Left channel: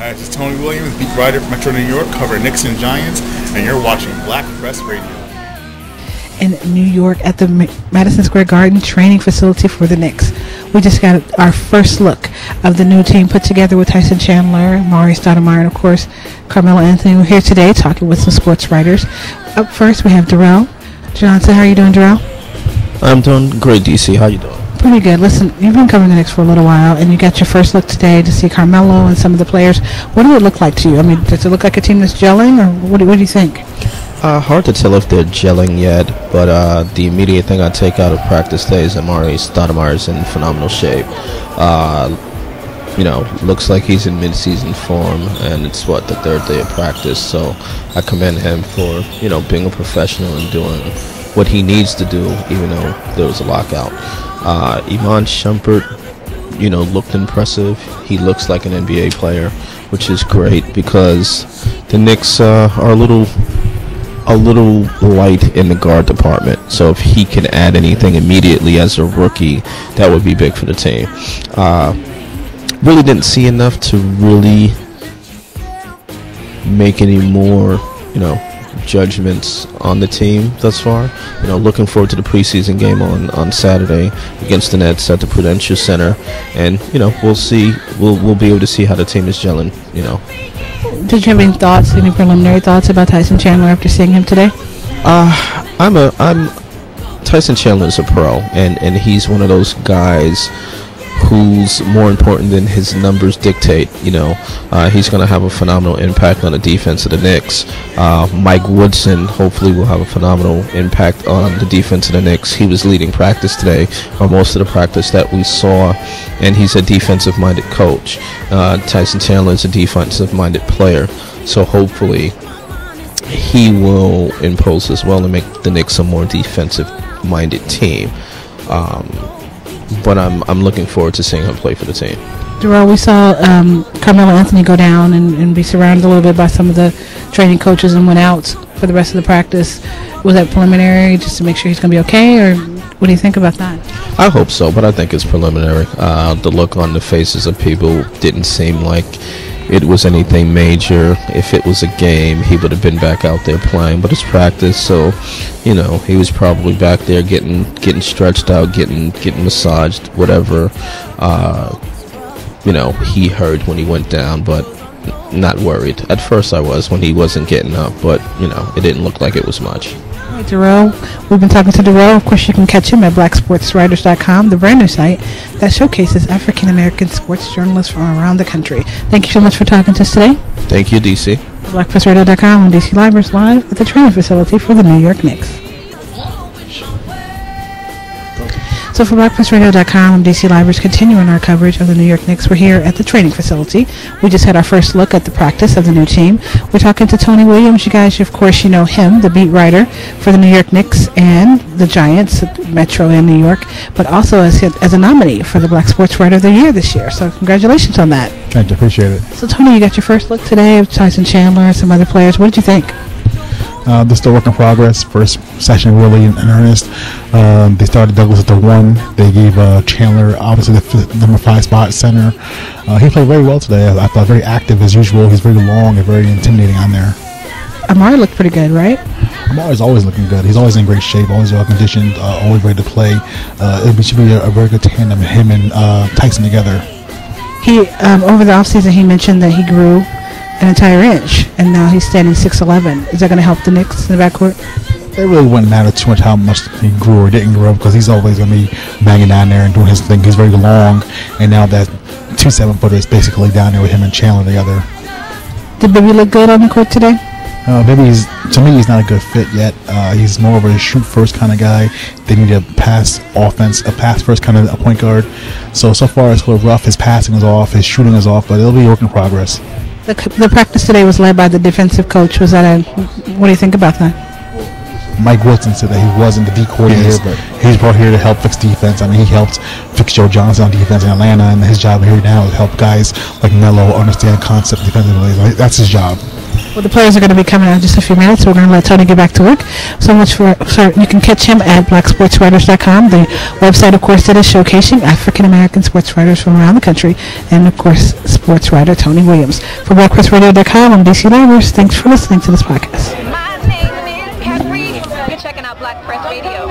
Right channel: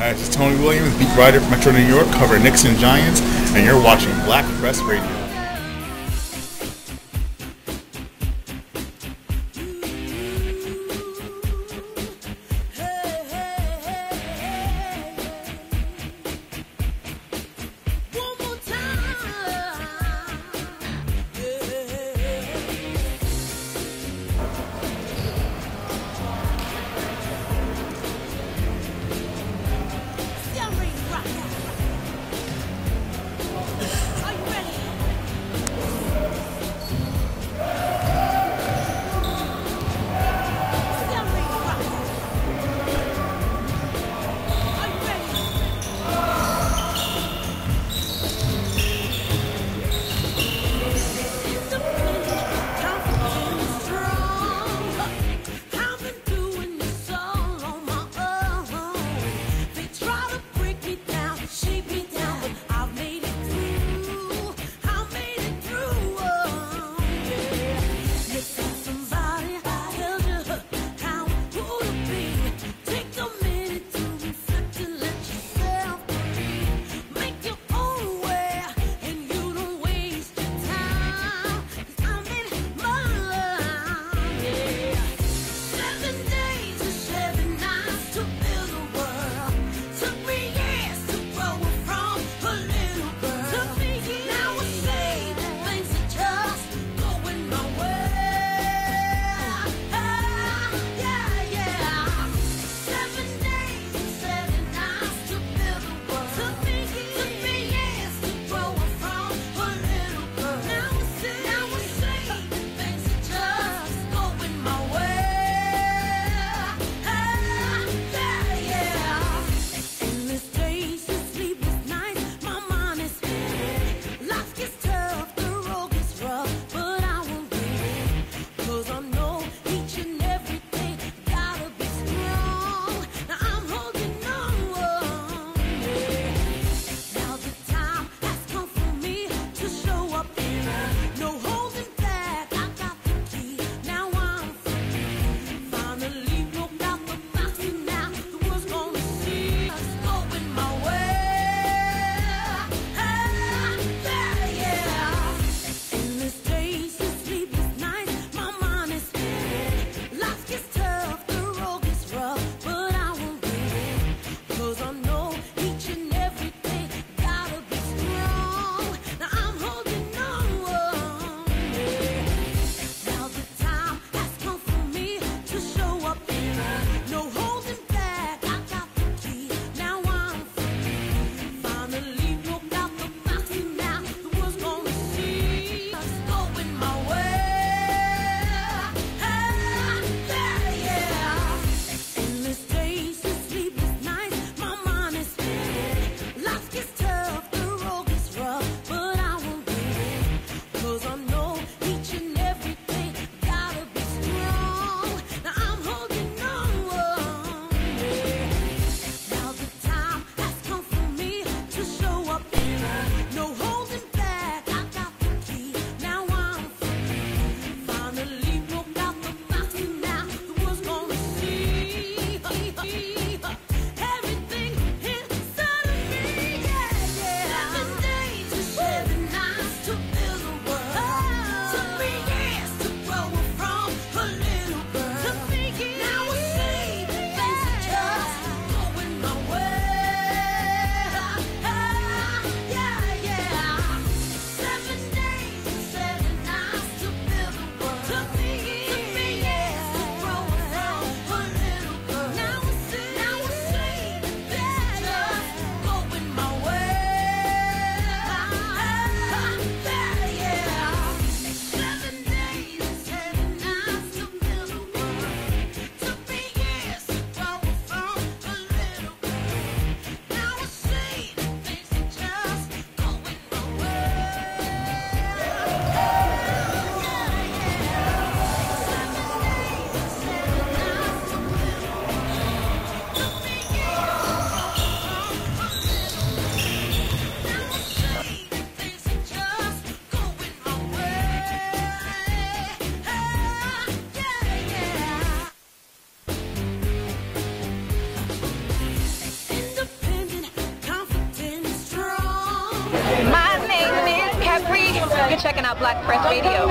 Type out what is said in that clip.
Hi, this is Tony Williams, beat writer for Metro New York, covering Knicks and Giants, and you're watching Black Press Radio. In New York at the Madison Square Garden training facility for the Knicks. We just got our first look of the new team put together with Tyson Chandler, Amare Stoudemire, and of course Carmelo Anthony. We're here today talking with some sports writers. Up first we have Derrel Johnson. How are you doing, Derrel? I'm doing great, DC. How you doing? Pretty good. Listen, you've been covering the Knicks for a little while, and you got your first look today to see Carmelo and some of the players. What do it look like to you? I mean, does it look like a team that's gelling, or what do you think? Hard to tell if they're gelling yet, but the immediate thing I take out of practice today is Amare Stoudemire is in phenomenal shape. Looks like he's in mid-season form, and it's the third day of practice. So I commend him for being a professional and doing what he needs to do, even though there was a lockout. Iman Shumpert, looked impressive. He looks like an NBA player, which is great because the Knicks are a little light in the guard department. So if he can add anything immediately as a rookie, that would be big for the team. Really didn't see enough to really make any more, judgments on the team thus far. Looking forward to the preseason game on Saturday against the Nets at the Prudential Center, and we'll see. We'll be able to see how the team is gelling. Did you have any thoughts, any preliminary thoughts about Tyson Chandler after seeing him today? Tyson Chandler is a pro, and he's one of those guys who's more important than his numbers dictate. He's going to have a phenomenal impact on the defense of the Knicks. Mike Woodson hopefully will have a phenomenal impact on the defense of the Knicks. He was leading practice today, or most of the practice that we saw, and he's a defensive-minded coach. Tyson Chandler is a defensive-minded player, so hopefully he will impose as well and make the Knicks a more defensive-minded team. But I'm looking forward to seeing him play for the team. Derrel, we saw Carmelo Anthony go down and be surrounded a little bit by some of the training coaches and went out for the rest of the practice. Was that preliminary just to make sure he's going to be okay, or what do you think about that? I hope so, but I think it's preliminary. The look on the faces of people didn't seem like it was anything major. If it was a game, he would have been back out there playing, but it's practice, so he was probably back there getting stretched out, getting massaged, whatever he heard when he went down, but not worried. At first I was when he wasn't getting up, but it didn't look like it was much. Derrel, we've been talking to Derrel. Of course, you can catch him at blacksportswriters.com, the brand new site that showcases African-American sports journalists from around the country. Thank you so much for talking to us today. Thank you, DC. BlackPressRadio.com and DC Libraries live at the training facility for the New York Knicks. So for BlackPressRadio.com and DC Libraries continuing our coverage of the New York Knicks, we're here at the training facility. We just had our first look at the practice of the new team. We're talking to Tony Williams. You guys, of course, know him, the beat writer for the New York Knicks and the Giants, Metro and New York, but also as a nominee for the Black Sports Writer of the Year this year. So congratulations on that. Thank you. Appreciate it. So Tony, you got your first look today of Tyson Chandler and some other players. What did you think? They're still work in progress. First session really in earnest. They started Douglas at the 1. They gave Chandler obviously the number 5 spot center. He played very well today. I thought very active as usual. He's very long and very intimidating on there. Amare looked pretty good, right? Amare's always looking good. He's always in great shape, always well conditioned, always ready to play. It should be a very good tandem, him and Tyson together. He over the offseason he mentioned that he grew an entire inch, and now he's standing 6'11". Is that going to help the Knicks in the backcourt? It really wouldn't matter too much how much he grew or didn't grow, because he's always going to be banging down there and doing his thing. He's very long, and now that 2 7-footers basically down there with him and Chandler together. Did Bibby look good on the court today? Maybe to me, he's not a good fit yet. He's more of a shoot-first kind of guy. They need a pass first kind of a point guard. So far it's a little rough. His passing is off, his shooting is off, but it'll be a work in progress. The practice today was led by the defensive coach. What do you think about that? Mike Woodson said that he wasn't the D coordinator, but he's brought here to help fix defense. I mean, he helped fix Joe Johnson on defense in Atlanta, and his job here now is help guys like Melo understand concept defensively. That's his job. Well, the players are going to be coming out in just a few minutes, so we're going to let Tony get back to work. So much for you can catch him at blacksportswriters.com, the website, of course, that is showcasing African-American sports writers from around the country, and, of course, sports writer Tony Williams. For blackpressradio.com, I'm DC Livers. Thanks for listening to this podcast. My name is Capri. You're checking out Black Press Radio.